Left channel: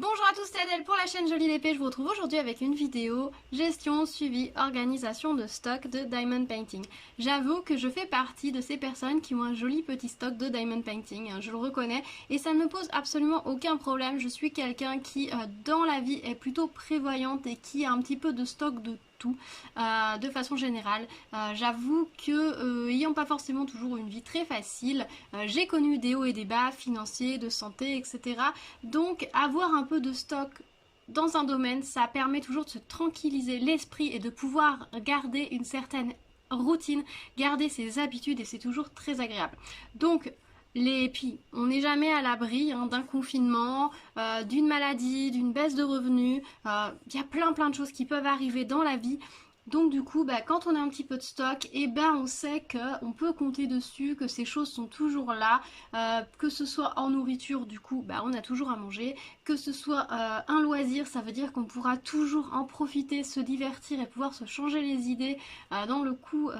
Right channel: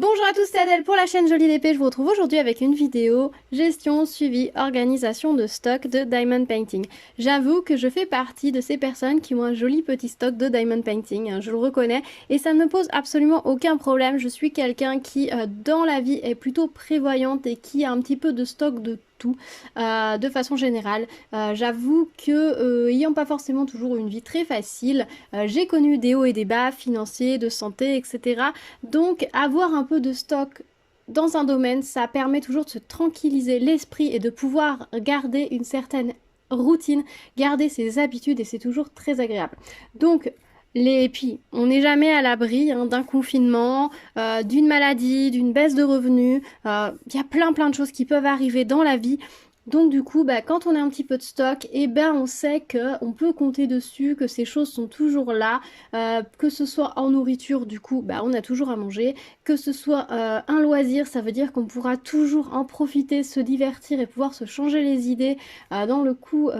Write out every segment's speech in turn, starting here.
Bonjour à tous, c'est Adèle pour la chaîne Jolie d'Épée. Je vous retrouve aujourd'hui avec une vidéo gestion, suivi, organisation de stock de Diamond Painting. J'avoue que je fais partie de ces personnes qui ont un joli petit stock de Diamond Painting, hein, je le reconnais, et ça ne me pose absolument aucun problème. Je suis quelqu'un qui, dans la vie, est plutôt prévoyante et qui a un petit peu de stock de tout, de façon générale. J'avoue que, ayant pas forcément toujours une vie très facile, j'ai connu des hauts et des bas financiers, de santé, etc. Donc avoir un peu de stock dans un domaine, ça permet toujours de se tranquilliser l'esprit et de pouvoir garder une certaine routine, garder ses habitudes et c'est toujours très agréable. Donc puis, on n'est jamais à l'abri hein, d'un confinement, d'une maladie, d'une baisse de revenus. Il y a plein de choses qui peuvent arriver dans la vie. Donc du coup, quand on a un petit peu de stock, on sait qu'on peut compter dessus, que ces choses sont toujours là, que ce soit en nourriture, du coup, on a toujours à manger, que ce soit un loisir, ça veut dire qu'on pourra toujours en profiter, se divertir et pouvoir se changer les idées dans le coup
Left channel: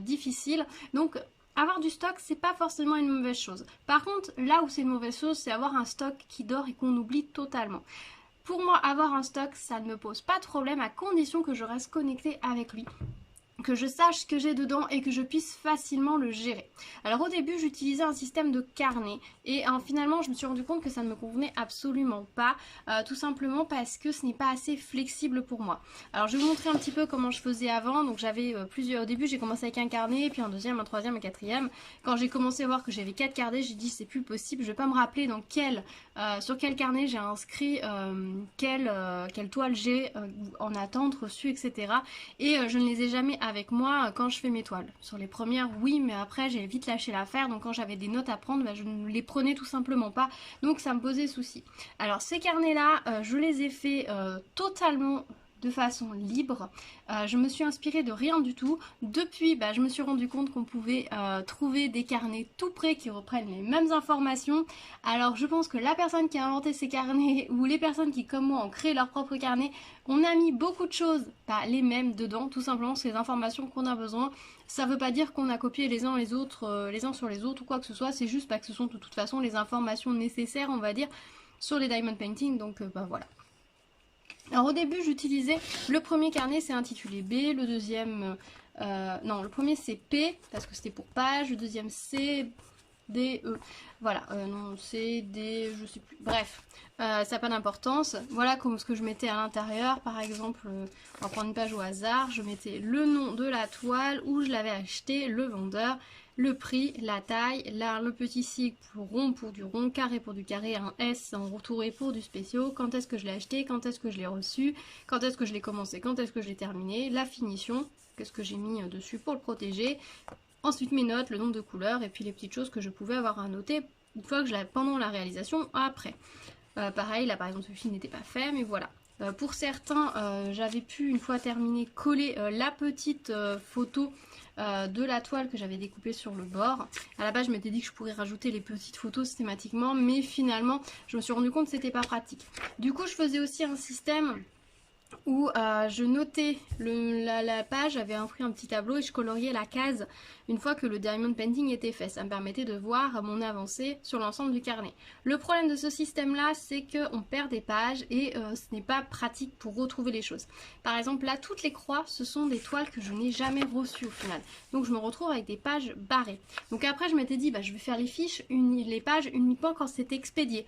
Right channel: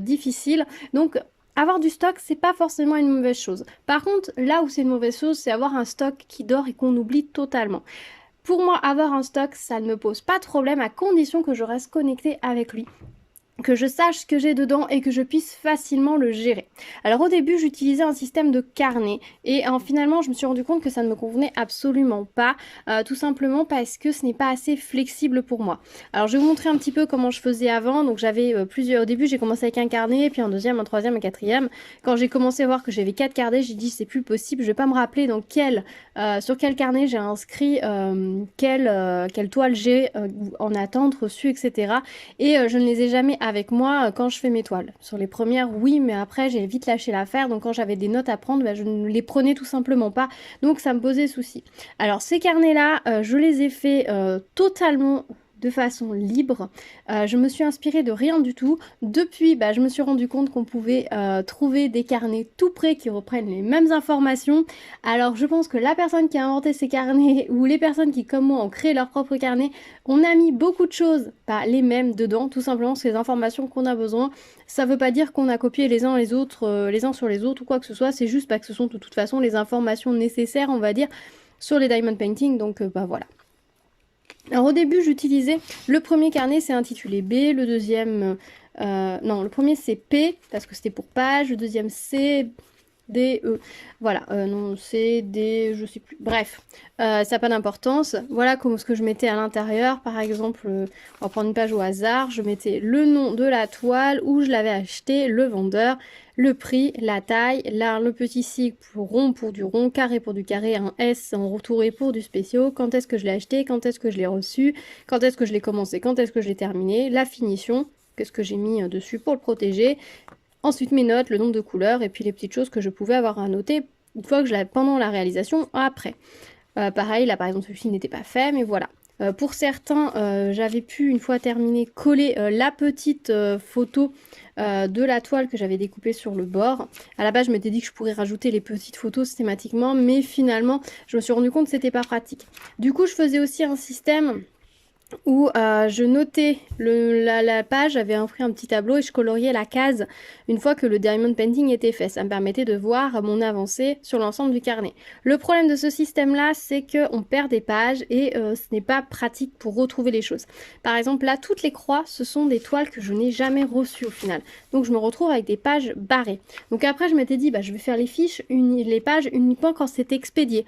difficile. Donc avoir du stock, c'est pas forcément une mauvaise chose. Par contre, là où c'est une mauvaise chose, c'est avoir un stock qui dort et qu'on oublie totalement. Pour moi, avoir un stock, ça ne me pose pas de problème à condition que je reste connectée avec lui, que je sache ce que j'ai dedans et que je puisse facilement le gérer. Alors au début j'utilisais un système de carnet et finalement je me suis rendu compte que ça ne me convenait absolument pas, tout simplement parce que ce n'est pas assez flexible pour moi. Alors je vais vous montrer un petit peu comment je faisais avant. Donc j'avais plusieurs, au début j'ai commencé avec un carnet, puis un deuxième, un troisième, un quatrième. Quand j'ai commencé à voir que j'avais 4 carnets, j'ai dit c'est plus possible, je vais pas me rappeler sur quel carnet j'ai inscrit quelle toile j'ai en attente, reçue, etc. Et je ne les ai jamais avec moi quand je fais mes toiles. Sur les premières, oui, mais après, j'ai vite lâché l'affaire. Donc quand j'avais des notes à prendre, je ne les prenais tout simplement pas. Donc ça me posait souci. Alors ces carnets-là, je les ai faits totalement de façon libre. Je me suis inspirée de rien du tout. Depuis, je me suis rendu compte qu'on pouvait trouver des carnets tout près qui reprennent les mêmes informations. Alors je pense que la personne qui a inventé ces carnets ou les personnes qui, comme moi, ont créé leur propre carnet, on a mis beaucoup de choses, pas les mêmes dedans, tout simplement c'est les informations qu'on a besoin. Ça veut pas dire qu'on a copié les uns les autres, les uns sur les autres ou quoi que ce soit, c'est juste que ce sont de toute façon les informations nécessaires, on va dire, sur les diamond painting, donc voilà. Alors au début j'utilisais le premier carnet, c'est intitulé B, le deuxième, non le premier c'est P parce que c'était pour page, le deuxième c'est D, E, voilà, non C, D, je sais plus, bref, ça n'a pas d'importance. Voilà comme ce que je mettais à l'intérieur, par exemple, on va prendre une page au hasard, je mettais le nom de la toile, où je l'avais acheté, le vendeur, le prix, la taille, là le petit sigle pour rond pour du rond, carré pour du carré, un S en retouré pour du spéciaux, quand est-ce que je l'ai acheté, quand est-ce que je l'ai reçu, quand est-ce que je l'ai commencé, quand est-ce que je l'ai terminé, la finition, qu'est-ce que j'ai mis dessus pour le protéger, ensuite mes notes, le nombre de couleurs et puis les petites choses que je pouvais avoir à noter une fois que je l'avais pendant la réalisation, après. Pareil, là par exemple celui-ci n'était pas fait, mais voilà. Pour certains, j'avais pu, une fois terminé, coller la petite photo de la toile que j'avais découpée sur le bord. À la base, je m'étais dit que je pourrais rajouter les petites photos systématiquement, mais finalement, je me suis rendu compte que c'était pas pratique. Du coup, je faisais aussi un système où je notais la page, j'avais imprimé un petit tableau et je coloriais la case une fois que le diamond painting était fait. Ça me permettait de voir mon avancée sur l'ensemble du carnet. Le problème de ce système-là, c'est qu'on perd des pages et ce n'est pas pratique pour retrouver les choses. Par exemple, là, toutes les croix, ce sont des toiles que je n'ai jamais reçues au final. Donc je me retrouve avec des pages barrées. Donc après, je m'étais dit, je vais faire les fiches, les pages uniquement quand c'est expédié.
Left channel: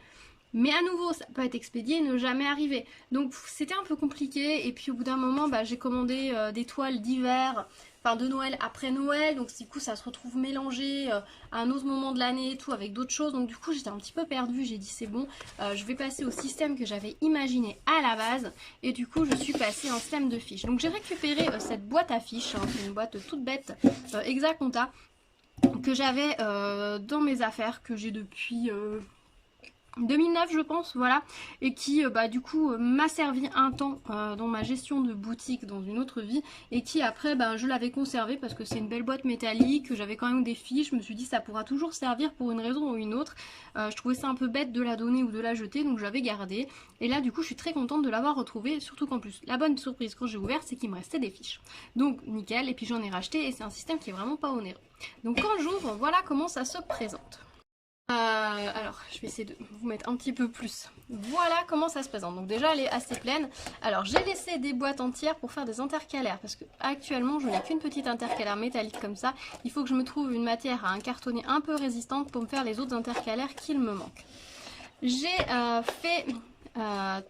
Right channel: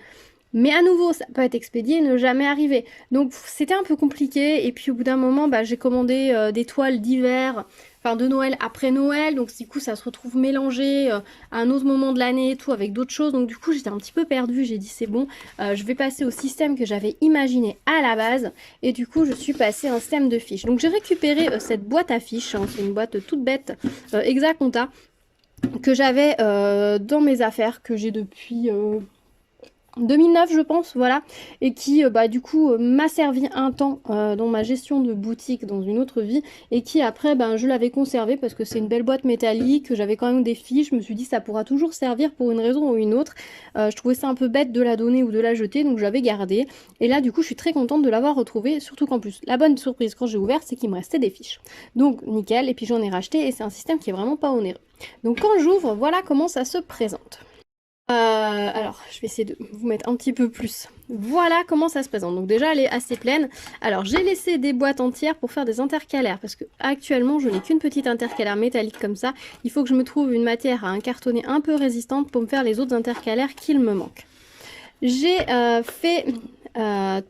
Mais à nouveau, ça peut être expédié et ne jamais arriver. Donc c'était un peu compliqué. Et puis au bout d'un moment, j'ai commandé des toiles d'hiver, enfin de Noël après Noël. Donc du coup, ça se retrouve mélangé à un autre moment de l'année et tout avec d'autres choses. Donc du coup, j'étais un petit peu perdue. J'ai dit c'est bon, je vais passer au système que j'avais imaginé à la base. Et du coup, je suis passée à un système de fiches. Donc j'ai récupéré cette boîte à fiches. Hein, c'est une boîte toute bête, Exaconta, que j'avais dans mes affaires, que j'ai depuis 2009 je pense, voilà, et qui du coup m'a servi un temps dans ma gestion de boutique dans une autre vie, et qui après je l'avais conservée parce que c'est une belle boîte métallique, j'avais quand même des fiches, je me suis dit ça pourra toujours servir pour une raison ou une autre. Je trouvais ça un peu bête de la donner ou de la jeter, donc je l'avais gardée, et là du coup je suis très contente de l'avoir retrouvée, surtout qu'en plus la bonne surprise quand j'ai ouvert c'est qu'il me restait des fiches, donc nickel, et puis j'en ai racheté et c'est un système qui est vraiment pas onéreux. Donc quand j'ouvre, voilà comment ça se présente. Alors, je vais essayer de vous mettre un petit peu plus Voilà comment ça se présente. Donc déjà, elle est assez pleine. Alors, j'ai laissé des boîtes entières pour faire des intercalaires parce que actuellement, je n'ai qu'une petite intercalaire métallique comme ça. Il faut que je me trouve une matière à incartonner un peu résistante pour me faire les autres intercalaires qu'il me manque. J'ai fait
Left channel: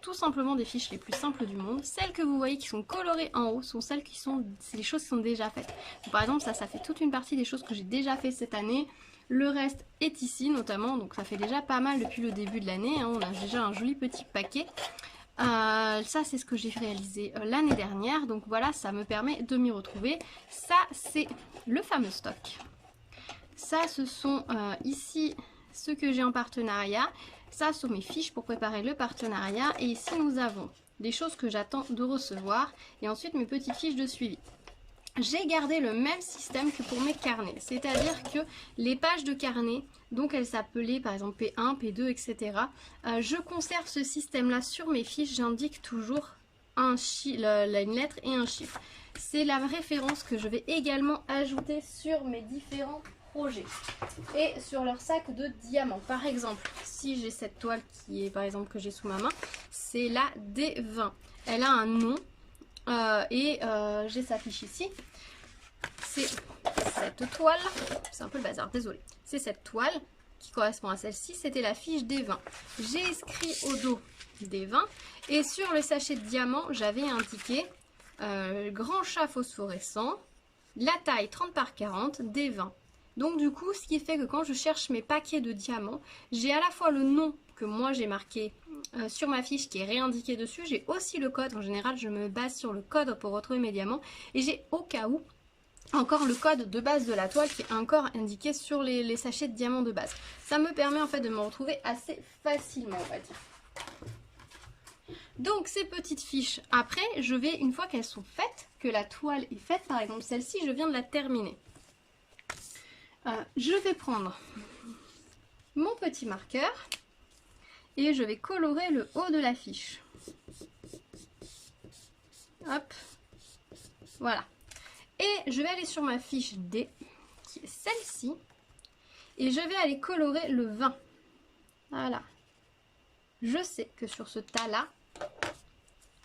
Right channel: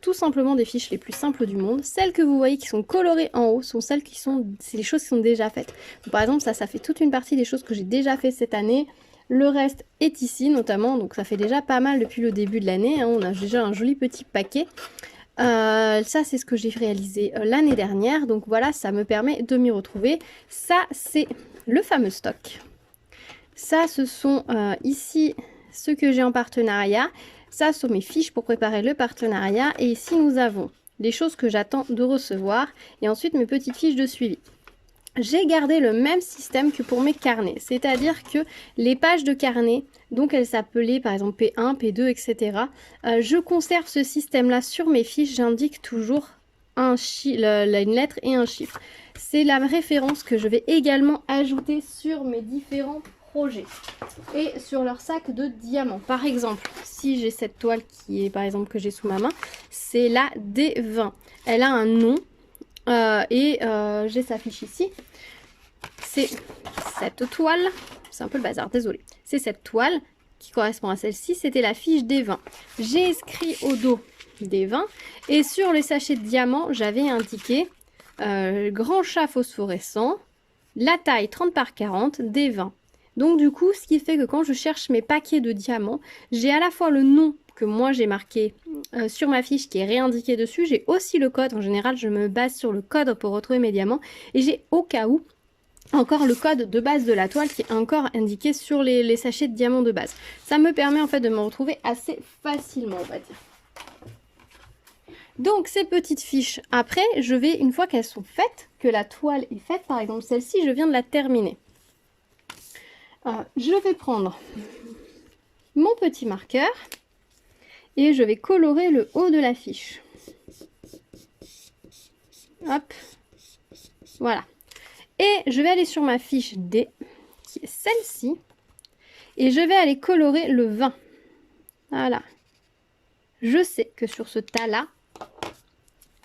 tout simplement des fiches les plus simples du monde. Celles que vous voyez qui sont colorées en haut sont celles qui sont, c'est les choses qui sont déjà faites. Donc, par exemple, ça fait toute une partie des choses que j'ai déjà fait cette année. Le reste est ici notamment, donc ça fait déjà pas mal depuis le début de l'année, hein. On a déjà un joli petit paquet. Ça c'est ce que j'ai réalisé l'année dernière, donc voilà, ça me permet de m'y retrouver. Ça c'est le fameux stock. Ça ce sont ici ce que j'ai en partenariat. Ça sont mes fiches pour préparer le partenariat. Et ici nous avons les choses que j'attends de recevoir et ensuite mes petites fiches de suivi. J'ai gardé le même système que pour mes carnets, c'est-à-dire que les pages de carnet, donc elles s'appelaient par exemple P1, P2, etc. Je conserve ce système-là sur mes fiches, j'indique toujours une lettre et un chiffre. C'est la référence que je vais également ajouter sur mes différents projets et sur leur sac de diamants. Par exemple, si j'ai cette toile qui est par exemple que j'ai sous ma main, c'est la D20. Elle a un nom. J'ai sa fiche ici. C'est cette toile, c'est un peu le bazar, désolé. C'est cette toile qui correspond à celle-ci, c'était la fiche des 20. J'ai inscrit au dos des 20 et sur le sachet de diamants, j'avais indiqué grand chat phosphorescent, la taille 30 par 40, des 20. Donc du coup, ce qui fait que quand je cherche mes paquets de diamants, j'ai à la fois le nom que moi j'ai marqué sur ma fiche qui est réindiqué dessus. J'ai aussi le code. En général, je me base sur le code pour retrouver mes diamants. Et j'ai au cas où encore le code de base de la toile qui est encore indiqué sur les sachets de diamants de base. Ça me permet en fait de me retrouver assez facilement, on va dire. Donc ces petites fiches, après, je vais, une fois qu'elles sont faites, que la toile est faite, par exemple celle-ci, je viens de la terminer. Je vais prendre mon petit marqueur et je vais colorer le haut de la fiche. Hop, voilà. Et je vais aller sur ma fiche D, qui est celle-ci, et je vais aller colorer le 20. Voilà. Je sais que sur ce tas-là,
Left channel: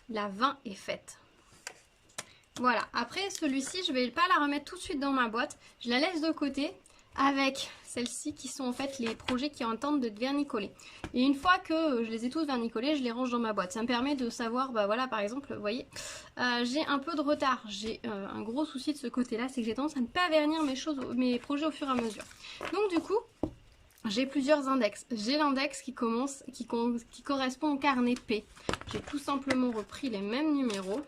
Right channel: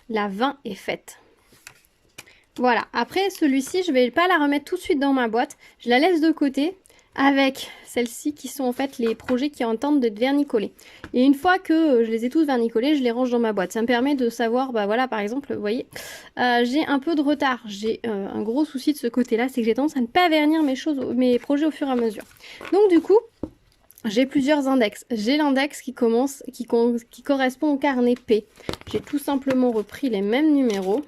la 20 est faite. Voilà. Après, celui-ci, je ne vais pas la remettre tout de suite dans ma boîte. Je la laisse de côté avec celles-ci qui sont en fait les projets qui entendent d'être vernicolés. Et une fois que je les ai tous vernicolés, je les range dans ma boîte. Ça me permet de savoir, bah voilà, par exemple, vous voyez, j'ai un peu de retard. J'ai un gros souci de ce côté-là, c'est que j'ai tendance à ne pas vernir mes projets au fur et à mesure. Donc du coup, j'ai plusieurs index. J'ai l'index qui correspond au carnet P. J'ai tout simplement repris les mêmes numéros.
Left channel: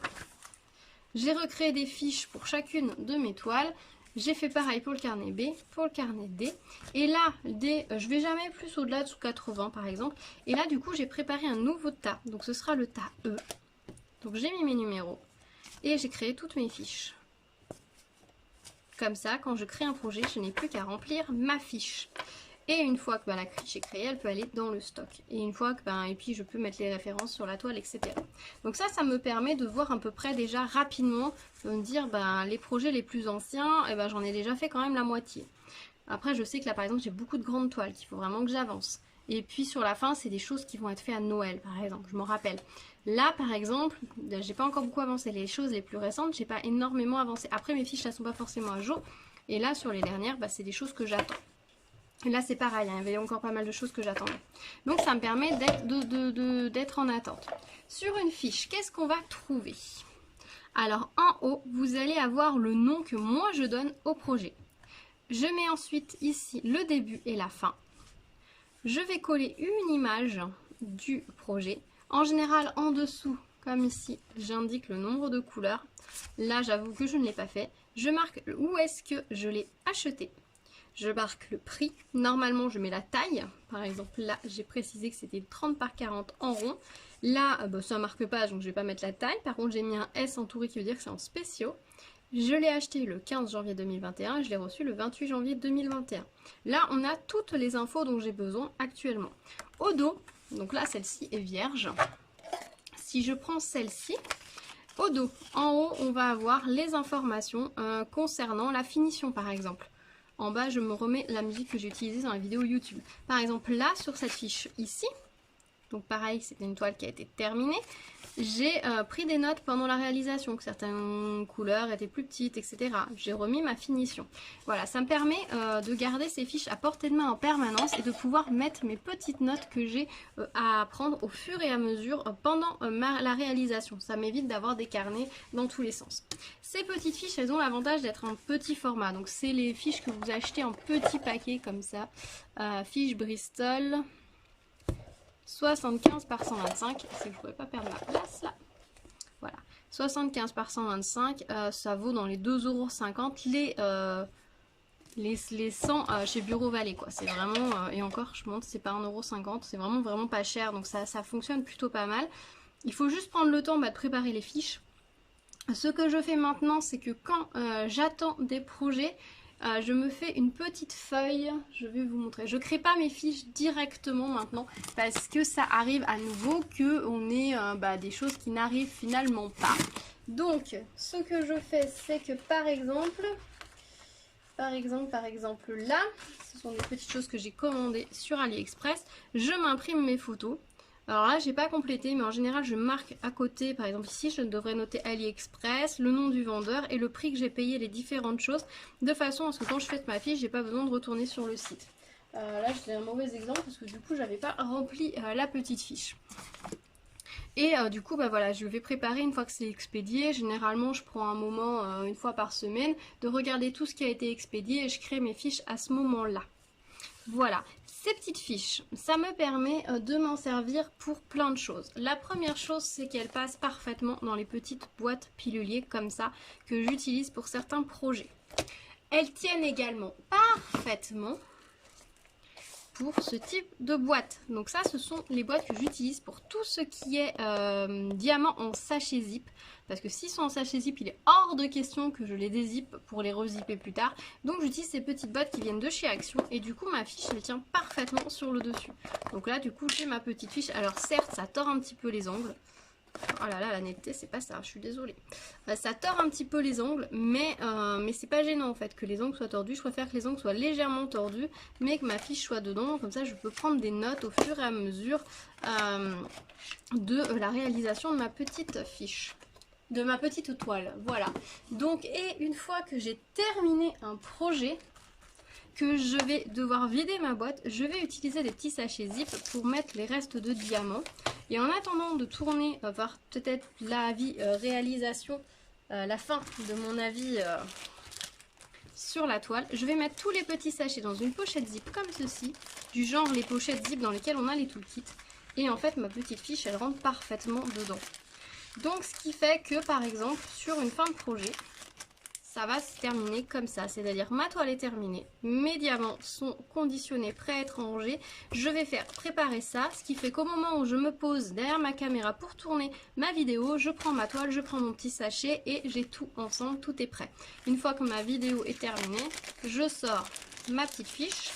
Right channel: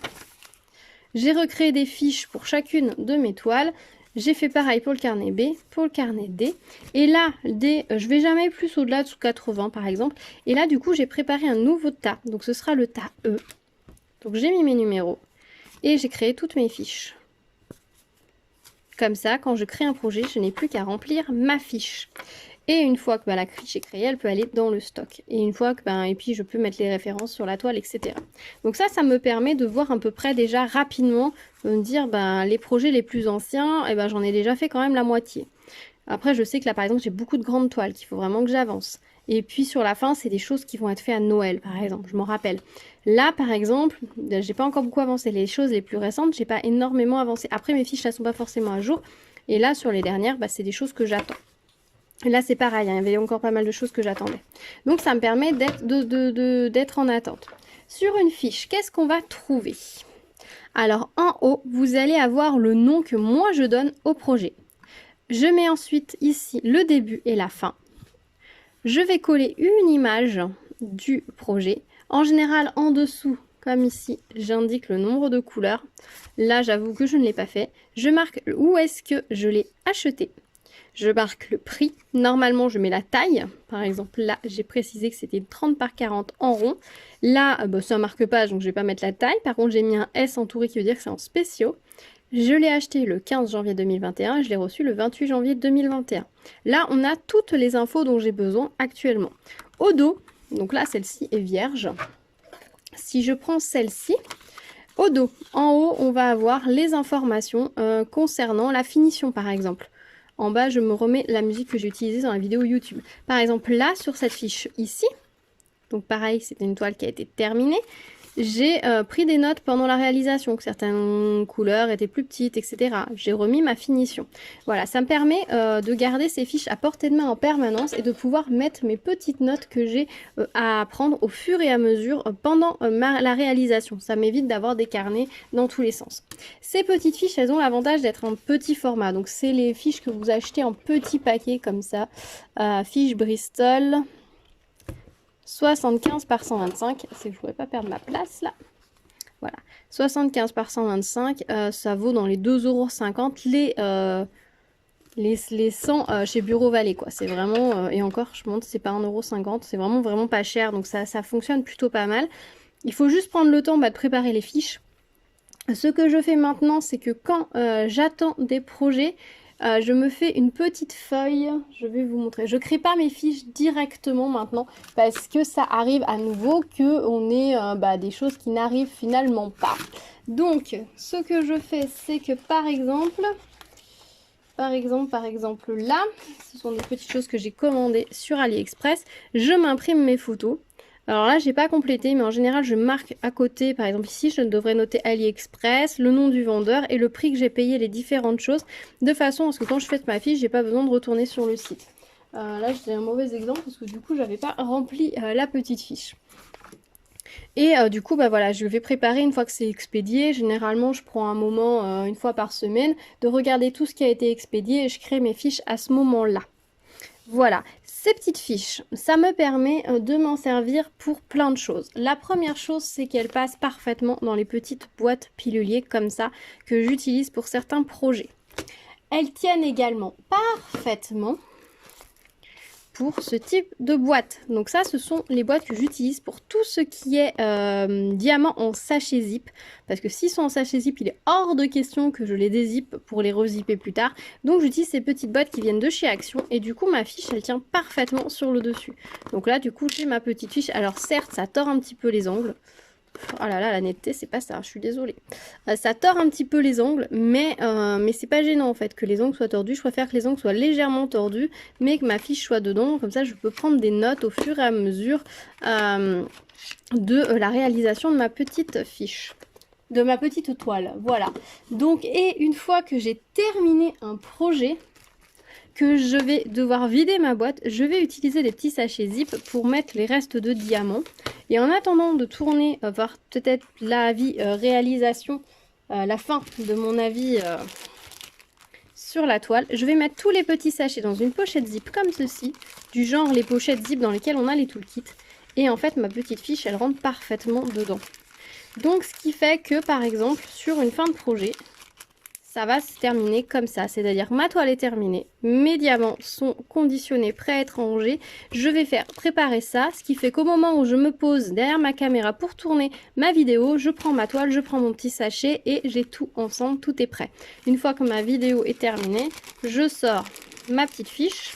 J'ai recréé des fiches pour chacune de mes toiles. J'ai fait pareil pour le carnet B, pour le carnet D. Et là, D, je vais jamais plus au-delà de 80 par exemple. Et là, du coup, j'ai préparé un nouveau tas. Donc, ce sera le tas E. Donc, j'ai mis mes numéros. Et j'ai créé toutes mes fiches. Comme ça, quand je crée un projet, je n'ai plus qu'à remplir ma fiche. Et une fois que la fiche est créée, elle peut aller dans le stock. Et une fois que, et puis je peux mettre les références sur la toile, etc. Donc ça me permet de voir à peu près déjà rapidement, de me dire, les projets les plus anciens, j'en ai déjà fait quand même la moitié. Après, je sais que là, par exemple, j'ai beaucoup de grandes toiles, qu'il faut vraiment que j'avance. Et puis sur la fin, c'est des choses qui vont être faites à Noël, par exemple, je m'en rappelle. Là, par exemple, j'ai pas encore beaucoup avancé. Les choses les plus récentes, j'ai pas énormément avancé. Après, mes fiches, elles sont pas forcément à jour. Et là, sur les dernières, c'est des choses que j'attends. Là, c'est pareil, il y avait encore pas mal de choses que j'attendais. Donc, ça me permet d'être en attente. Sur une fiche, qu'est-ce qu'on va trouver? Alors, en haut, vous allez avoir le nom que moi, je donne au projet. Je mets ensuite ici le début et la fin. Je vais coller une image du projet. En général, en dessous, comme ici, j'indique le nombre de couleurs. Là, j'avoue que je ne l'ai pas fait. Je marque où est-ce que je l'ai acheté. Je marque le prix. Normalement, je mets la taille. Par exemple, là, j'ai précisé que c'était 30 par 40 en rond. Là, ça ne marque pas, donc je ne vais pas mettre la taille. Par contre, j'ai mis un S entouré qui veut dire que c'est en spéciaux. Je l'ai acheté le 15 janvier 2021 et je l'ai reçu le 28 janvier 2021. Là, on a toutes les infos dont j'ai besoin actuellement. Au dos, donc là, celle-ci est vierge. Si je prends celle-ci, au dos, en haut, on va avoir les informations concernant la finition, par exemple. En bas, je me remets la musique que j'ai utilisée dans la vidéo YouTube. Par exemple, là, sur cette fiche ici, Donc pareil, c'est une toile qui a été terminée. J'ai pris des notes pendant la réalisation, que certaines couleurs étaient plus petites, etc. J'ai remis ma finition. Voilà, ça me permet de garder ces fiches à portée de main en permanence et de pouvoir mettre mes petites notes que j'ai à prendre au fur et à mesure pendant la réalisation. Ça m'évite d'avoir des carnets dans tous les sens. Ces petites fiches, elles ont l'avantage d'être en petit format. Donc c'est les fiches que vous achetez en petits paquets comme ça. Fiches Bristol. 75 par 125, c'est que je ne pouvais pas perdre ma place là. Voilà, 75 par 125, ça vaut dans les 2,50 € les 100 chez Bureau Vallée quoi. C'est vraiment, et encore je montre, c'est pas 1,50 €, c'est vraiment pas cher, donc ça fonctionne plutôt pas mal. Il faut juste prendre le temps de préparer les fiches. Ce que je fais maintenant, c'est que quand j'attends des projets, je me fais une petite feuille, je vais vous montrer. Je crée pas mes fiches directement maintenant parce que ça arrive à nouveau qu'on ait des choses qui n'arrivent finalement pas. Donc, ce que je fais, c'est que par exemple là, ce sont des petites choses que j'ai commandées sur AliExpress. Je m'imprime mes photos. Alors là, j'ai pas complété, mais en général, je marque à côté, par exemple ici, je devrais noter AliExpress, le nom du vendeur et le prix que j'ai payé les différentes choses, de façon à ce que quand je fais ma fiche, j'ai pas besoin de retourner sur le site. Là, j'ai un mauvais exemple parce que du coup, j'avais pas rempli la petite fiche. Et du coup, voilà, je vais préparer une fois que c'est expédié. Généralement, je prends un moment, une fois par semaine, de regarder tout ce qui a été expédié et je crée mes fiches à ce moment-là. Voilà, ces petites fiches, ça me permet de m'en servir pour plein de choses. La première chose, c'est qu'elles passent parfaitement dans les petites boîtes piluliers comme ça que j'utilise pour certains projets. Elles tiennent également parfaitement pour ce type de boîte. Donc ça, ce sont les boîtes que j'utilise pour tout ce qui est diamant en sachet zip. Parce que s'ils sont en sachet zip, il est hors de question que je les dézippe pour les rezipper plus tard. Donc j'utilise ces petites boîtes qui viennent de chez Action. Et du coup, ma fiche, elle tient parfaitement sur le dessus. Donc là, du coup, j'ai ma petite fiche. Alors certes, ça tord un petit peu les angles. Oh là là, la netteté, c'est pas ça, je suis désolée. Ça tord un petit peu les ongles, mais c'est pas gênant en fait que les ongles soient tordus. Je préfère que les ongles soient légèrement tordus, mais que ma fiche soit dedans. Comme ça, je peux prendre des notes au fur et à mesure de la réalisation de ma petite fiche. De ma petite toile, voilà. Donc, et une fois que j'ai terminé un projet, que je vais devoir vider ma boîte, je vais utiliser des petits sachets zip pour mettre les restes de diamants. Et en attendant de tourner voir peut-être l'avis réalisation, la fin de mon avis sur la toile, je vais mettre tous les petits sachets dans une pochette zip comme ceci, du genre les pochettes zip dans lesquelles on a les toolkits. Et en fait, ma petite fiche, elle rentre parfaitement dedans. Donc, ce qui fait que, par exemple, sur une fin de projet, ça va se terminer comme ça, c'est-à-dire ma toile est terminée, mes diamants sont conditionnés, prêts à être rangés, je vais faire préparer ça, ce qui fait qu'au moment où je me pose derrière ma caméra pour tourner ma vidéo, je prends ma toile, je prends mon petit sachet et j'ai tout ensemble, tout est prêt. Une fois que ma vidéo est terminée, je sors ma petite fiche.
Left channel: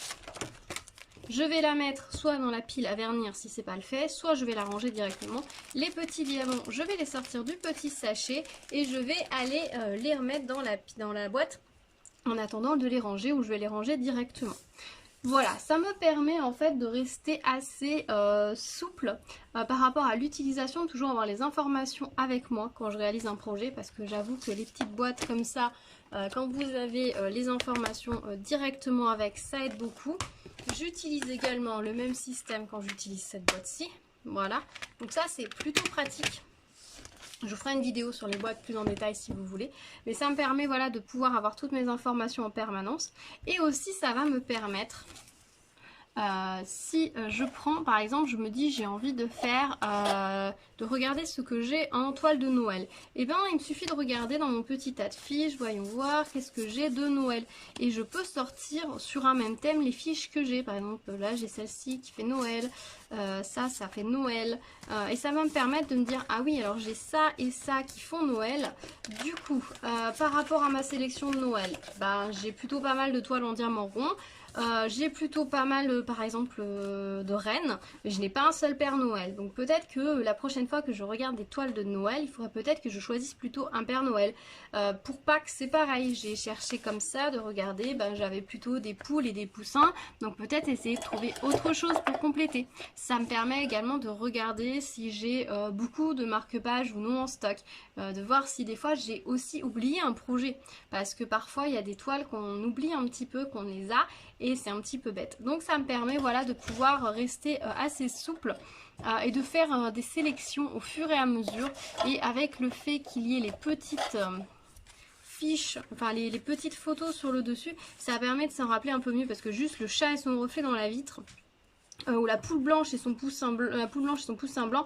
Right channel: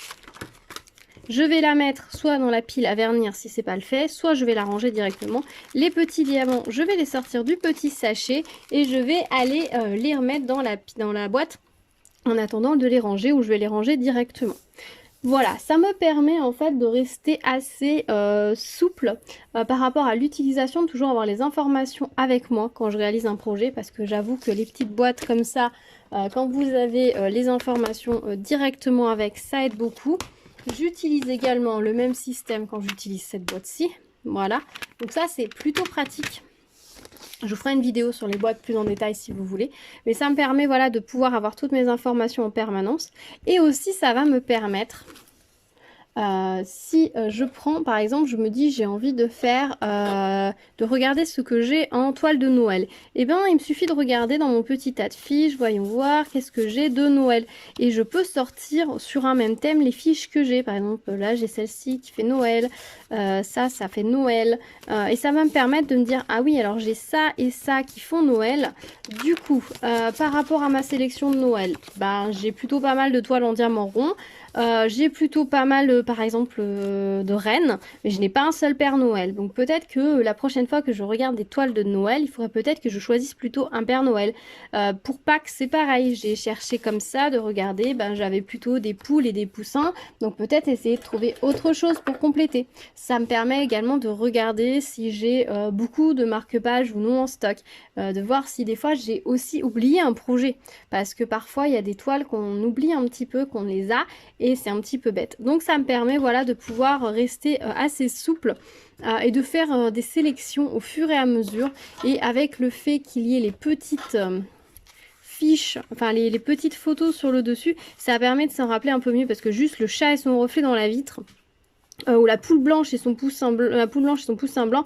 Je vais la mettre soit dans la pile à vernir si c'est pas le fait, soit je vais la ranger directement. Les petits diamants, je vais les sortir du petit sachet et je vais aller les remettre dans la boîte en attendant de les ranger ou je vais les ranger directement. Voilà, ça me permet en fait de rester assez souple par rapport à l'utilisation, de toujours avoir les informations avec moi quand je réalise un projet parce que j'avoue que les petites boîtes comme ça, quand vous avez les informations directement avec, ça aide beaucoup. J'utilise également le même système quand j'utilise cette boîte-ci. Voilà, donc ça c'est plutôt pratique. Je vous ferai une vidéo sur les boîtes plus en détail si vous voulez. Mais ça me permet voilà, de pouvoir avoir toutes mes informations en permanence. Et aussi ça va me permettre, si je prends par exemple, je me dis j'ai envie de faire, de regarder ce que j'ai en toile de Noël. Et bien il me suffit de regarder dans mon petit tas de fiches, voyons voir qu'est-ce que j'ai de Noël. Et je peux sortir sur un même thème les fiches que j'ai. Par exemple là j'ai celle-ci qui fait Noël, ça fait Noël. Et ça va me permettre de me dire ah oui alors j'ai ça et ça qui font Noël. Du coup par rapport à ma sélection de Noël, j'ai plutôt pas mal de toiles en diamant rond. J'ai plutôt pas mal, par exemple, de rennes, mais je n'ai pas un seul Père Noël. Donc peut-être que la prochaine fois que je regarde des toiles de Noël, il faudrait peut-être que je choisisse plutôt un Père Noël. Pour Pâques, c'est pareil, j'ai cherché comme ça, de regarder, ben, j'avais plutôt des poules et des poussins, donc peut-être essayer de trouver autre chose pour compléter. Ça me permet également de regarder si j'ai beaucoup de marque-pages ou non en stock, de voir si des fois j'ai aussi oublié un projet, parce que parfois il y a des toiles qu'on oublie un petit peu, qu'on les a, et c'est un petit peu bête. Donc ça me permet voilà, de pouvoir rester assez souple et de faire des sélections au fur et à mesure, et avec le fait qu'il y ait les petites fiches, enfin les petites photos sur le dessus, ça permet de s'en rappeler un peu mieux, parce que juste le chat et son reflet dans la vitre, ou la poule blanche et son poussin blanc, la poule blanche et son poussin blanc,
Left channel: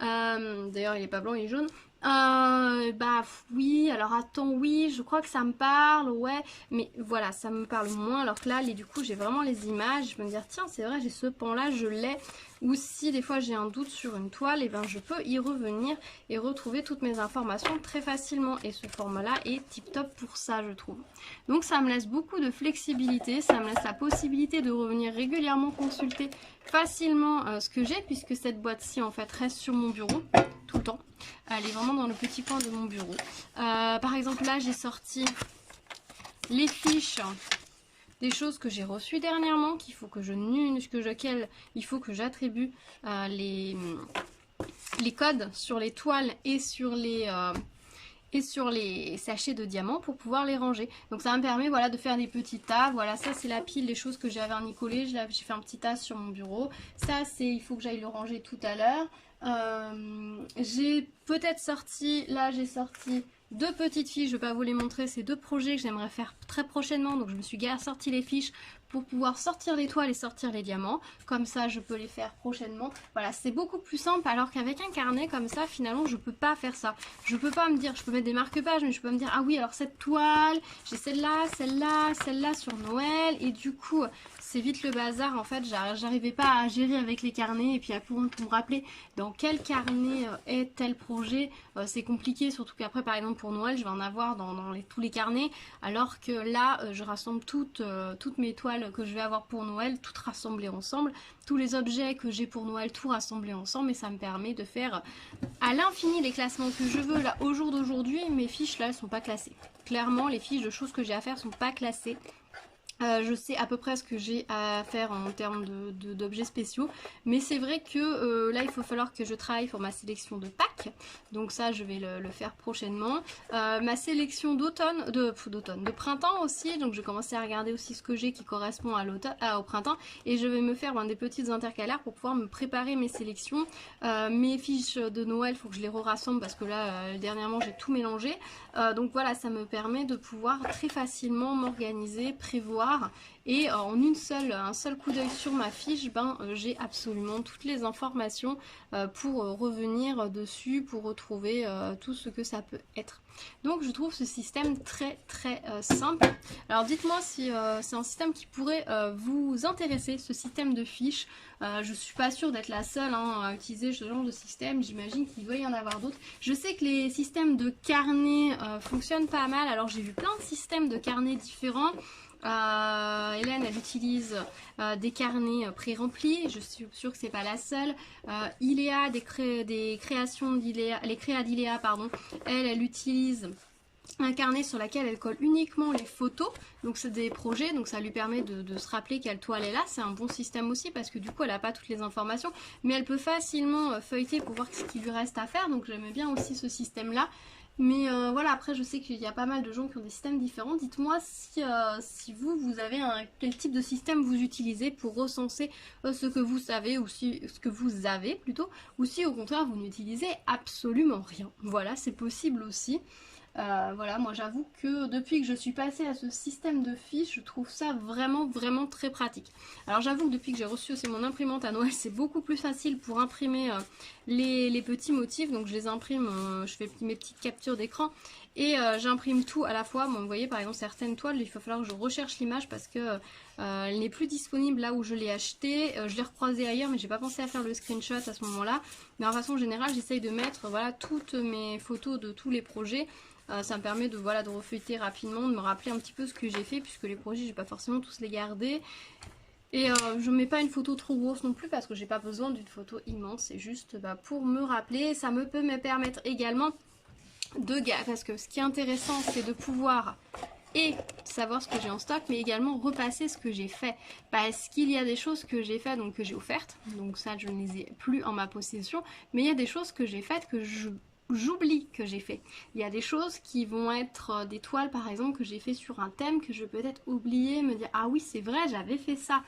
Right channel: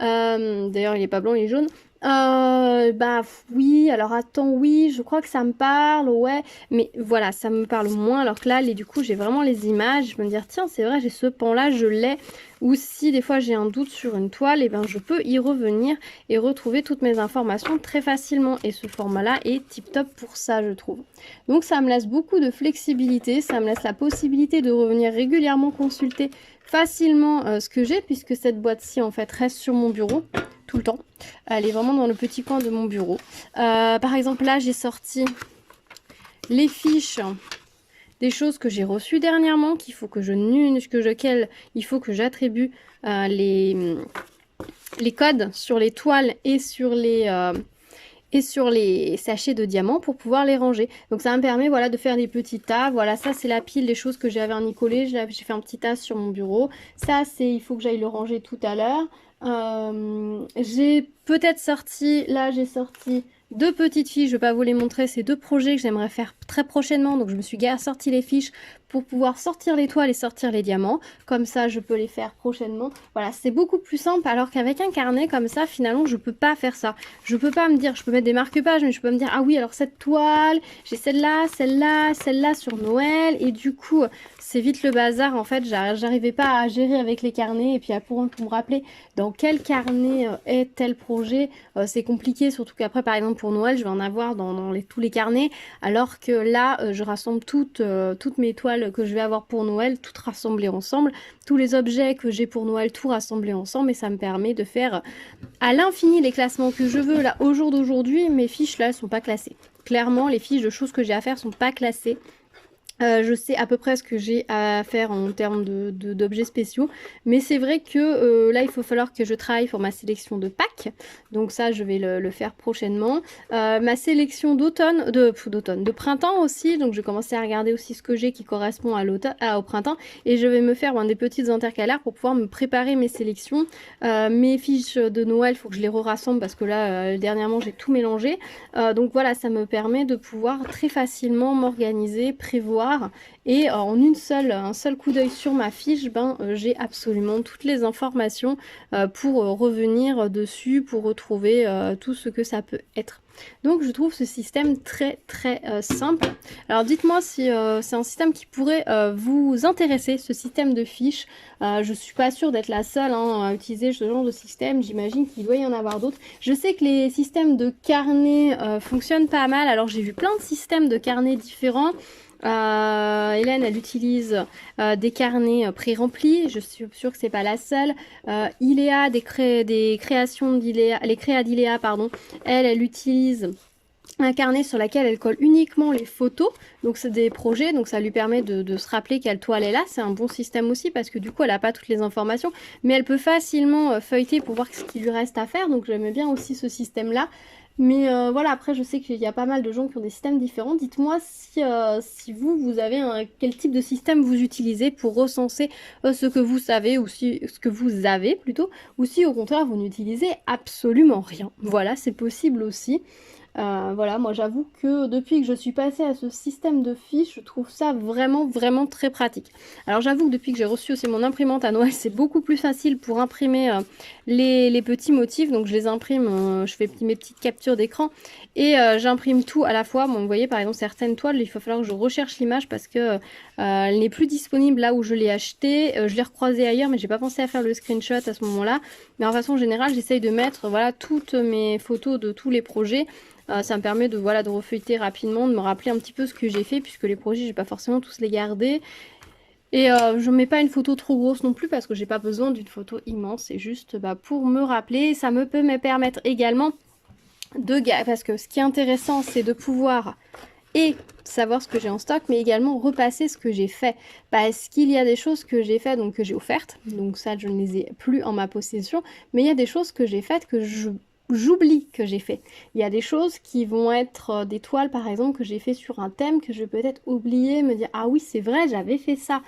d'ailleurs il est pas blanc, il est jaune. Bah oui, alors attends, oui, je crois que ça me parle, ouais, mais voilà, ça me parle moins, alors que là, du coup, j'ai vraiment les images, je peux me dire, tiens, c'est vrai, j'ai ce pan-là, je l'ai, ou si des fois j'ai un doute sur une toile, et ben je peux y revenir et retrouver toutes mes informations très facilement, et ce format-là est tip-top pour ça, je trouve. Donc ça me laisse beaucoup de flexibilité, ça me laisse la possibilité de revenir régulièrement consulter facilement ce que j'ai, puisque cette boîte-ci, en fait, reste sur mon bureau tout le temps. Elle est vraiment dans le petit coin de mon bureau. Par exemple, là, j'ai sorti les fiches des choses que j'ai reçues dernièrement, qu'il faut que il faut que j'attribue les codes sur les toiles et sur les sachets de diamants pour pouvoir les ranger. Donc ça me permet voilà, de faire des petits tas. Voilà, ça c'est la pile des choses que j'avais vernicolées. J'ai fait un petit tas sur mon bureau. Ça c'est, il faut que j'aille le ranger tout à l'heure. J'ai peut-être sorti, là j'ai sorti deux petites fiches, je vais pas vous les montrer, c'est deux projets que j'aimerais faire très prochainement, donc je me suis sorti les fiches pour pouvoir sortir les toiles et sortir les diamants, comme ça je peux les faire prochainement. Voilà, c'est beaucoup plus simple, alors qu'avec un carnet comme ça, finalement je peux pas faire ça. Je peux pas me dire, je peux mettre des marque-pages, mais je peux me dire, ah oui alors cette toile, j'ai celle-là, celle-là, celle-là sur Noël, et du coup c'est vite le bazar en fait, j'arrivais pas à gérer avec les carnets, et puis pour me rappeler dans quel carnet est tel projet, c'est compliqué, surtout qu'après par exemple pour Noël je vais en avoir dans tous les carnets, alors que là je rassemble toutes mes toiles que je vais avoir pour Noël, toutes rassemblées ensemble, tous les objets que j'ai pour Noël, tout rassemblés ensemble, et ça me permet de faire à l'infini les classements que je veux. Là au jour d'aujourd'hui mes fiches là elles sont pas classées, clairement les fiches de choses que j'ai à faire sont pas classées. Je sais à peu près ce que j'ai à faire en termes d'objets spéciaux, mais c'est vrai que là il faut falloir que je travaille pour ma sélection de Pâques, donc ça je vais le faire prochainement. Ma sélection d'automne, de printemps aussi, donc je vais commencer à regarder aussi ce que j'ai qui correspond au printemps, et je vais me faire des petites intercalaires pour pouvoir me préparer mes sélections. Mes fiches de Noël, il faut que je les rassemble parce que là dernièrement j'ai tout mélangé, donc voilà, ça me permet de pouvoir très facilement m'organiser, prévoir, et en un seul coup d'œil sur ma fiche, j'ai absolument toutes les informations pour revenir dessus, pour retrouver tout ce que ça peut être. Donc je trouve ce système très très simple. Alors dites-moi si c'est un système qui pourrait vous intéresser, ce système de fiches. Je suis pas sûre d'être la seule à utiliser ce genre de système, j'imagine qu'il doit y en avoir d'autres. Je sais que les systèmes de carnet fonctionnent pas mal, alors j'ai vu plein de systèmes de carnets différents. Hélène elle utilise des carnets pré-remplis, je suis sûre que c'est pas la seule. Iléa, des créations d'Iléa, les créas d'Iléa pardon, elle utilise un carnet sur lequel elle colle uniquement les photos, donc c'est des projets, donc ça lui permet de se rappeler quelle toile elle a. C'est un bon système aussi parce que du coup elle n'a pas toutes les informations, mais elle peut facilement feuilleter pour voir ce qu'il lui reste à faire, donc j'aime bien aussi ce système là. Mais voilà, après je sais qu'il y a pas mal de gens qui ont des systèmes différents. Dites-moi si vous avez quel type de système vous utilisez pour recenser ce que vous savez, ou ce que vous avez plutôt, ou si au contraire vous n'utilisez absolument rien. Voilà, c'est possible aussi. Voilà, moi j'avoue que depuis que je suis passée à ce système de fiches, je trouve ça vraiment vraiment très pratique. Alors j'avoue que depuis que j'ai reçu aussi mon imprimante à Noël, c'est beaucoup plus facile pour imprimer les petits motifs, donc je les imprime, je fais mes petites captures d'écran et j'imprime tout à la fois. Bon, vous voyez par exemple certaines toiles, il va falloir que je recherche l'image parce que elle n'est plus disponible là où je l'ai achetée. Je l'ai recroisée ailleurs, mais j'ai pas pensé à faire le screenshot à ce moment-là. Mais en façon générale, j'essaye de mettre voilà toutes mes photos de tous les projets. Ça me permet de voilà de refeuilleter rapidement, de me rappeler un petit peu ce que j'ai fait, puisque les projets, j'ai pas forcément tous les garder. Et je mets pas une photo trop grosse non plus parce que j'ai pas besoin d'une photo immense, c'est juste pour me rappeler. Ça peut me permettre également parce que ce qui est intéressant, c'est de pouvoir et savoir ce que j'ai en stock, mais également repasser ce que j'ai fait. Parce qu'il y a des choses que j'ai faites, donc que j'ai offertes, donc ça je ne les ai plus en ma possession, mais il y a des choses que j'ai faites que j'oublie que j'ai fait. Il y a des choses qui vont être des toiles par exemple que j'ai fait sur un thème que je vais peut-être oublier, me dire ah oui c'est vrai j'avais fait ça.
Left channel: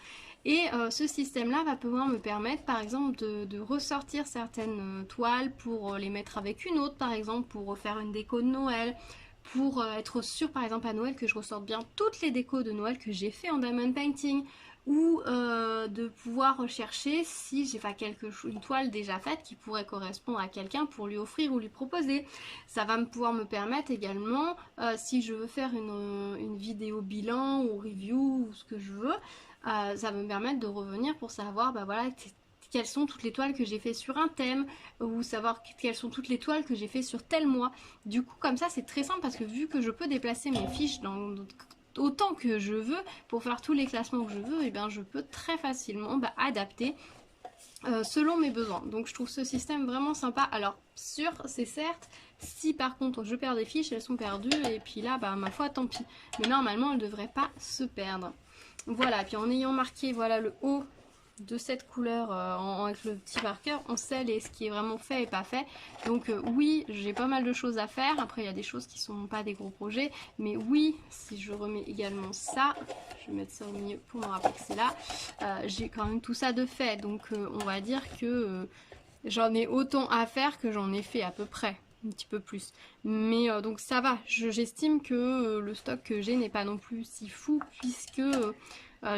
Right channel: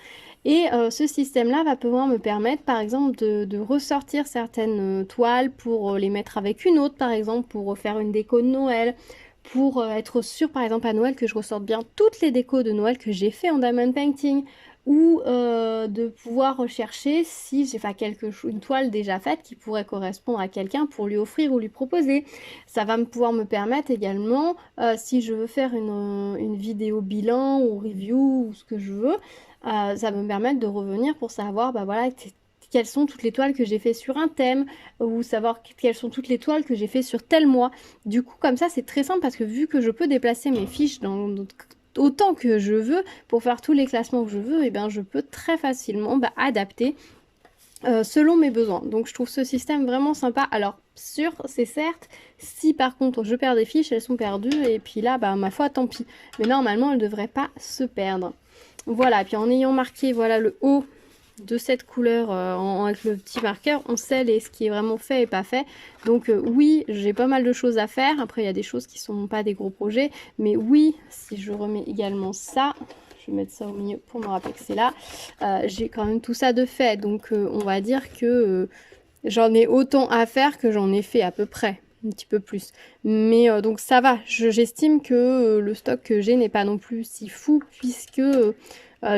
Et ce système-là va pouvoir me permettre par exemple de ressortir certaines toiles pour les mettre avec une autre par exemple pour faire une déco de Noël, pour être sûr par exemple à Noël que je ressorte bien toutes les décos de Noël que j'ai fait en diamond painting, ou de pouvoir rechercher si j'ai fait une toile déjà faite qui pourrait correspondre à quelqu'un pour lui offrir ou lui proposer. Ça va pouvoir me permettre également, si je veux faire une vidéo bilan ou review ou ce que je veux, ça va me permettre de revenir pour savoir bah voilà quelles sont toutes les toiles que j'ai fait sur un thème, ou savoir quelles sont toutes les toiles que j'ai fait sur tel mois. Du coup comme ça c'est très simple parce que vu que je peux déplacer mes fiches dans autant que je veux pour faire tous les classements que je veux, et bien je peux très facilement adapter selon mes besoins. Donc je trouve ce système vraiment sympa. Alors sûr, c'est certes, si par contre je perds des fiches, elles sont perdues et puis là, bah ma foi, tant pis. Mais normalement, elles ne devraient pas se perdre. Voilà, et puis en ayant marqué voilà le haut de cette couleur avec le petit marqueur, on sait ce qui est vraiment fait et pas fait. Donc oui, j'ai pas mal de choses à faire. Après, il y a des choses qui sont pas des gros projets. Mais oui, si je remets également ça, je vais mettre ça au milieu pour me rappeler que c'est là, j'ai quand même tout ça de fait. Donc on va dire que j'en ai autant à faire que j'en ai fait à peu près. Un petit peu plus. Mais donc ça va, j'estime que le stock que j'ai n'est pas non plus si fou, puisque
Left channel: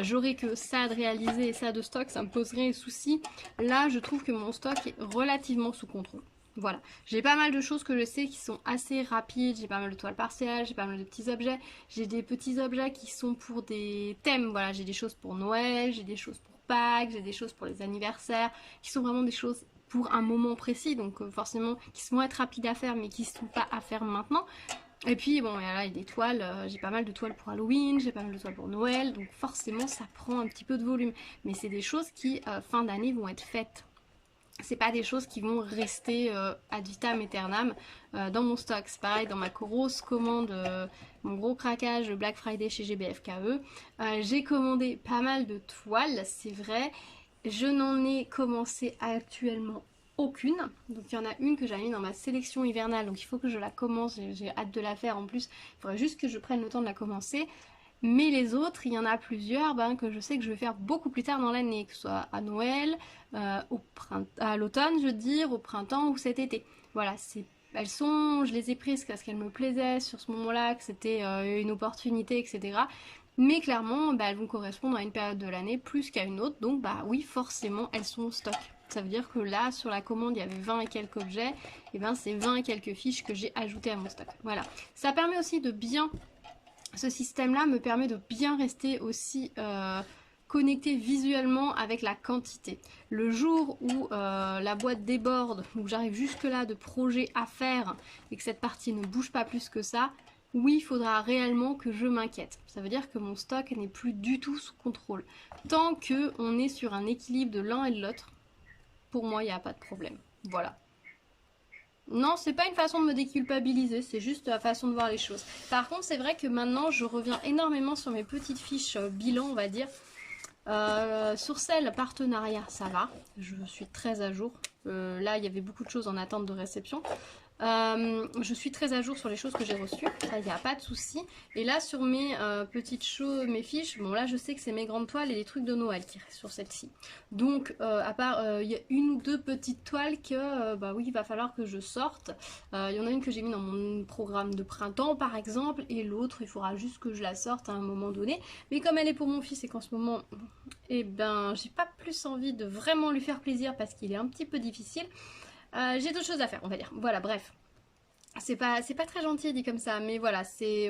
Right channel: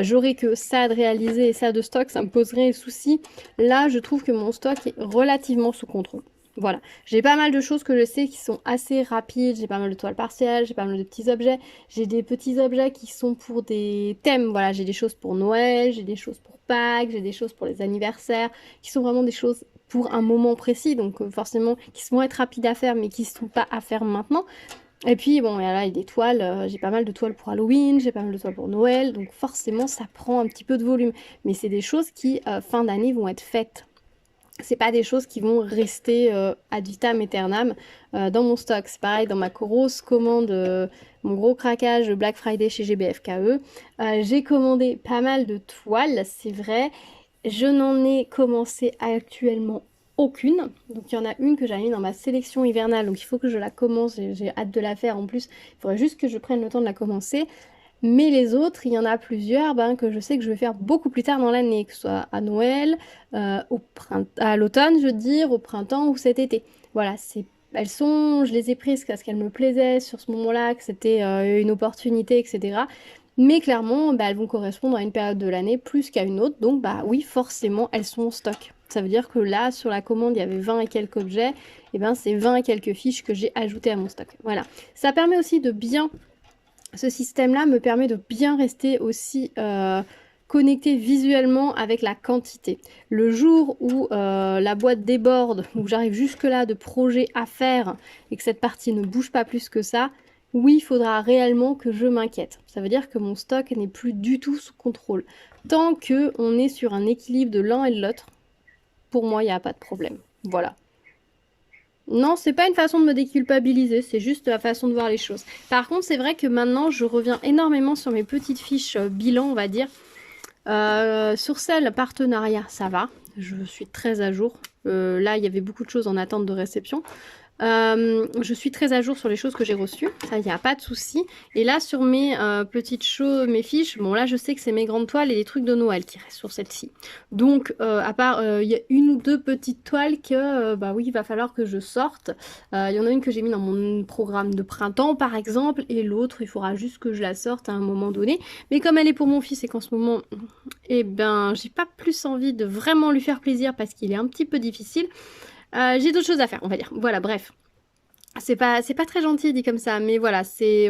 j'aurais que ça de réaliser et ça de stock, ça me poserait un souci. Là, je trouve que mon stock est relativement sous contrôle. Voilà, j'ai pas mal de choses que je sais qui sont assez rapides, j'ai pas mal de toiles partielles, j'ai pas mal de petits objets, j'ai des petits objets qui sont pour des thèmes, voilà, j'ai des choses pour Noël, j'ai des choses pour Pâques, j'ai des choses pour les anniversaires, qui sont vraiment des choses pour un moment précis, donc forcément qui vont être rapides à faire mais qui ne sont pas à faire maintenant. Et puis bon, là il y a des toiles, j'ai pas mal de toiles pour Halloween, j'ai pas mal de toiles pour Noël, donc forcément ça prend un petit peu de volume. Mais c'est des choses qui, fin d'année, vont être faites. C'est pas des choses qui vont rester ad vitam aeternam dans mon stock. C'est pareil, dans ma grosse commande, mon gros craquage Black Friday chez GBFKE, j'ai commandé pas mal de toiles, c'est vrai. Je n'en ai commencé actuellement aucune. Donc il y en a une que j'avais mis dans ma sélection hivernale, donc il faut que je la commence, j'ai hâte de la faire en plus. Il faudrait juste que je prenne le temps de la commencer. Mais les autres, il y en a plusieurs que je sais que je vais faire beaucoup plus tard dans l'année, que ce soit à Noël, à l'automne, je veux dire, au printemps ou cet été. Voilà, je les ai prises parce qu'elles me plaisaient sur ce moment-là, que c'était une opportunité, etc. Mais clairement, elles vont correspondre à une période de l'année plus qu'à une autre. Donc oui, forcément, elles sont en stock. Ça veut dire que là, sur la commande, il y avait 20 et quelques objets. Et c'est 20 et quelques fiches que j'ai ajoutées à mon stock. Voilà. Ça permet aussi de bien... Ce système-là me permet de bien rester aussi connecté visuellement avec la quantité. Le jour où la boîte déborde, où j'arrive jusque-là de projets à faire et que cette partie ne bouge pas plus que ça, oui, il faudra réellement que je m'inquiète. Ça veut dire que mon stock n'est plus du tout sous contrôle. Tant qu'on est sur un équilibre de l'un et de l'autre, pour moi, il n'y a pas de problème. Voilà. Non, c'est pas une façon de me déculpabiliser, c'est juste la façon de voir les choses. Par contre, c'est vrai que maintenant, je reviens énormément sur mes petites fiches bilan, on va dire. Sur celle partenariat, ça va, je suis très à jour. Là, il y avait beaucoup de choses en attente de réception. Je suis très à jour sur les choses que j'ai reçues, ça il n'y a pas de souci. Et là sur mes petites choses, mes fiches, bon là je sais que c'est mes grandes toiles et les trucs de Noël qui restent sur celle-ci. Donc à part il y a une ou deux petites toiles que oui il va falloir que je sorte. Il y en a une que j'ai mis dans mon programme de printemps par exemple, et l'autre il faudra juste que je la sorte à un moment donné. Mais comme elle est pour mon fils et qu'en ce moment j'ai pas plus envie de vraiment lui faire plaisir parce qu'il est un petit peu difficile. J'ai d'autres choses à faire, on va dire. Voilà, bref. C'est pas très gentil dit comme ça, mais voilà,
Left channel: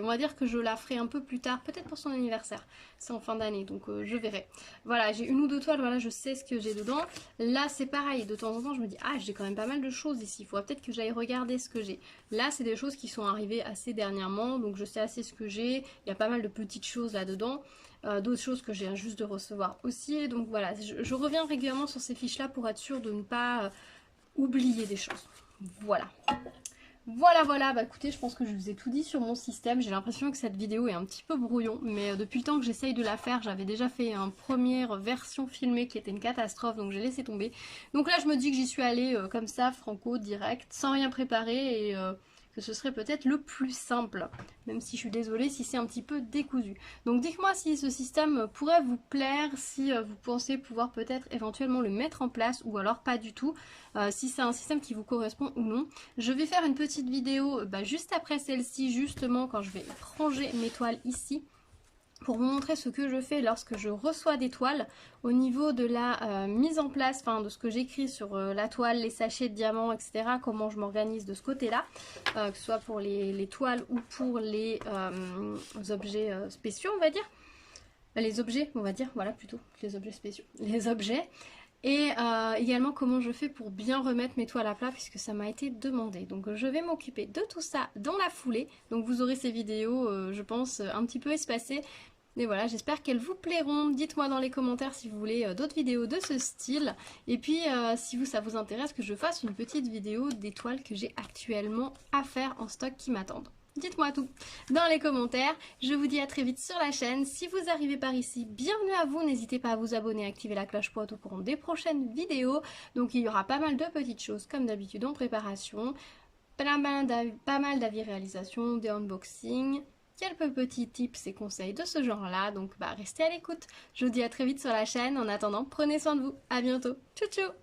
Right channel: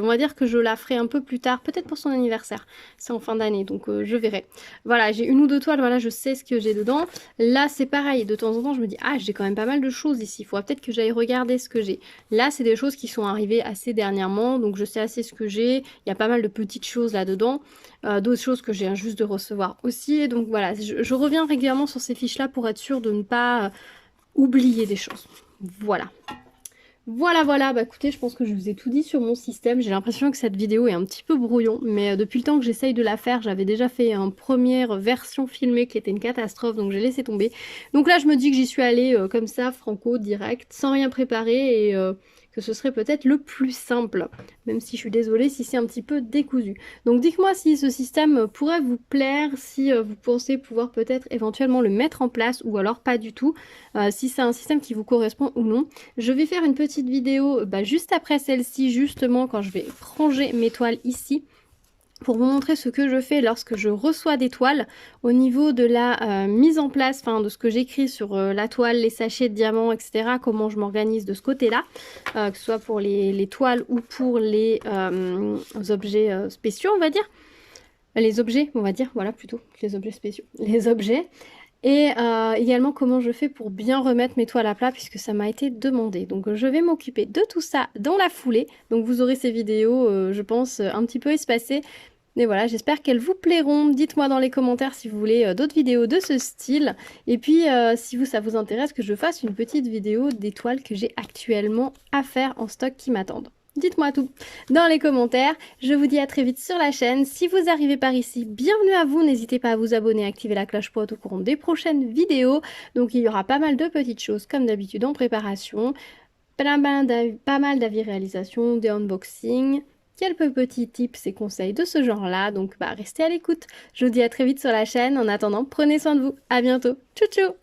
on va dire que je la ferai un peu plus tard, peut-être pour son anniversaire. C'est en fin d'année, donc je verrai. Voilà, j'ai une ou deux toiles, voilà, je sais ce que j'ai dedans. Là, c'est pareil, de temps en temps, je me dis, ah, j'ai quand même pas mal de choses ici, il faudra peut-être que j'aille regarder ce que j'ai. Là, c'est des choses qui sont arrivées assez dernièrement, donc je sais assez ce que j'ai. Il y a pas mal de petites choses là-dedans. D'autres choses que j'ai juste de recevoir aussi. Donc voilà, je reviens régulièrement sur ces fiches-là pour être sûre de ne pas oublier des choses. Voilà. Voilà, bah écoutez, je pense que je vous ai tout dit sur mon système. J'ai l'impression que cette vidéo est un petit peu brouillon, mais depuis le temps que j'essaye de la faire, j'avais déjà fait une première version filmée qui était une catastrophe, donc j'ai laissé tomber. Donc là, je me dis que j'y suis allée comme ça, franco, direct, sans rien préparer, et que ce serait peut-être le plus simple, même si je suis désolée si c'est un petit peu décousu. Donc dites-moi si ce système pourrait vous plaire, si vous pensez pouvoir peut-être éventuellement le mettre en place, ou alors pas du tout, si c'est un système qui vous correspond ou non. Je vais faire une petite vidéo juste après celle-ci, justement quand je vais ranger mes toiles ici, pour vous montrer ce que je fais lorsque je reçois des toiles au niveau de la mise en place, enfin de ce que j'écris sur la toile, les sachets de diamants, etc. Comment je m'organise de ce côté-là, que ce soit pour les toiles ou pour les objets spéciaux, on va dire. Les objets, on va dire, voilà plutôt, que les objets spéciaux. Les objets. Et également comment je fais pour bien remettre mes toiles à plat puisque ça m'a été demandé. Donc je vais m'occuper de tout ça dans la foulée. Donc vous aurez ces vidéos, je pense, un petit peu espacées. Mais voilà, j'espère qu'elles vous plairont. Dites-moi dans les commentaires si vous voulez d'autres vidéos de ce style. Et puis si ça vous intéresse que je fasse une petite vidéo des toiles que j'ai actuellement à faire en stock qui m'attendent. Dites-moi tout dans les commentaires. Je vous dis à très vite sur la chaîne. Si vous arrivez par ici, bienvenue à vous. N'hésitez pas à vous abonner, à activer la cloche pour être au courant des prochaines vidéos. Donc il y aura pas mal de petites choses comme d'habitude en préparation. Pas mal d'avis réalisation, des unboxings, quelques petits tips et conseils de ce genre-là. Donc restez à l'écoute. Je vous dis à très vite sur la chaîne. En attendant, prenez soin de vous. À bientôt. Ciao ciao.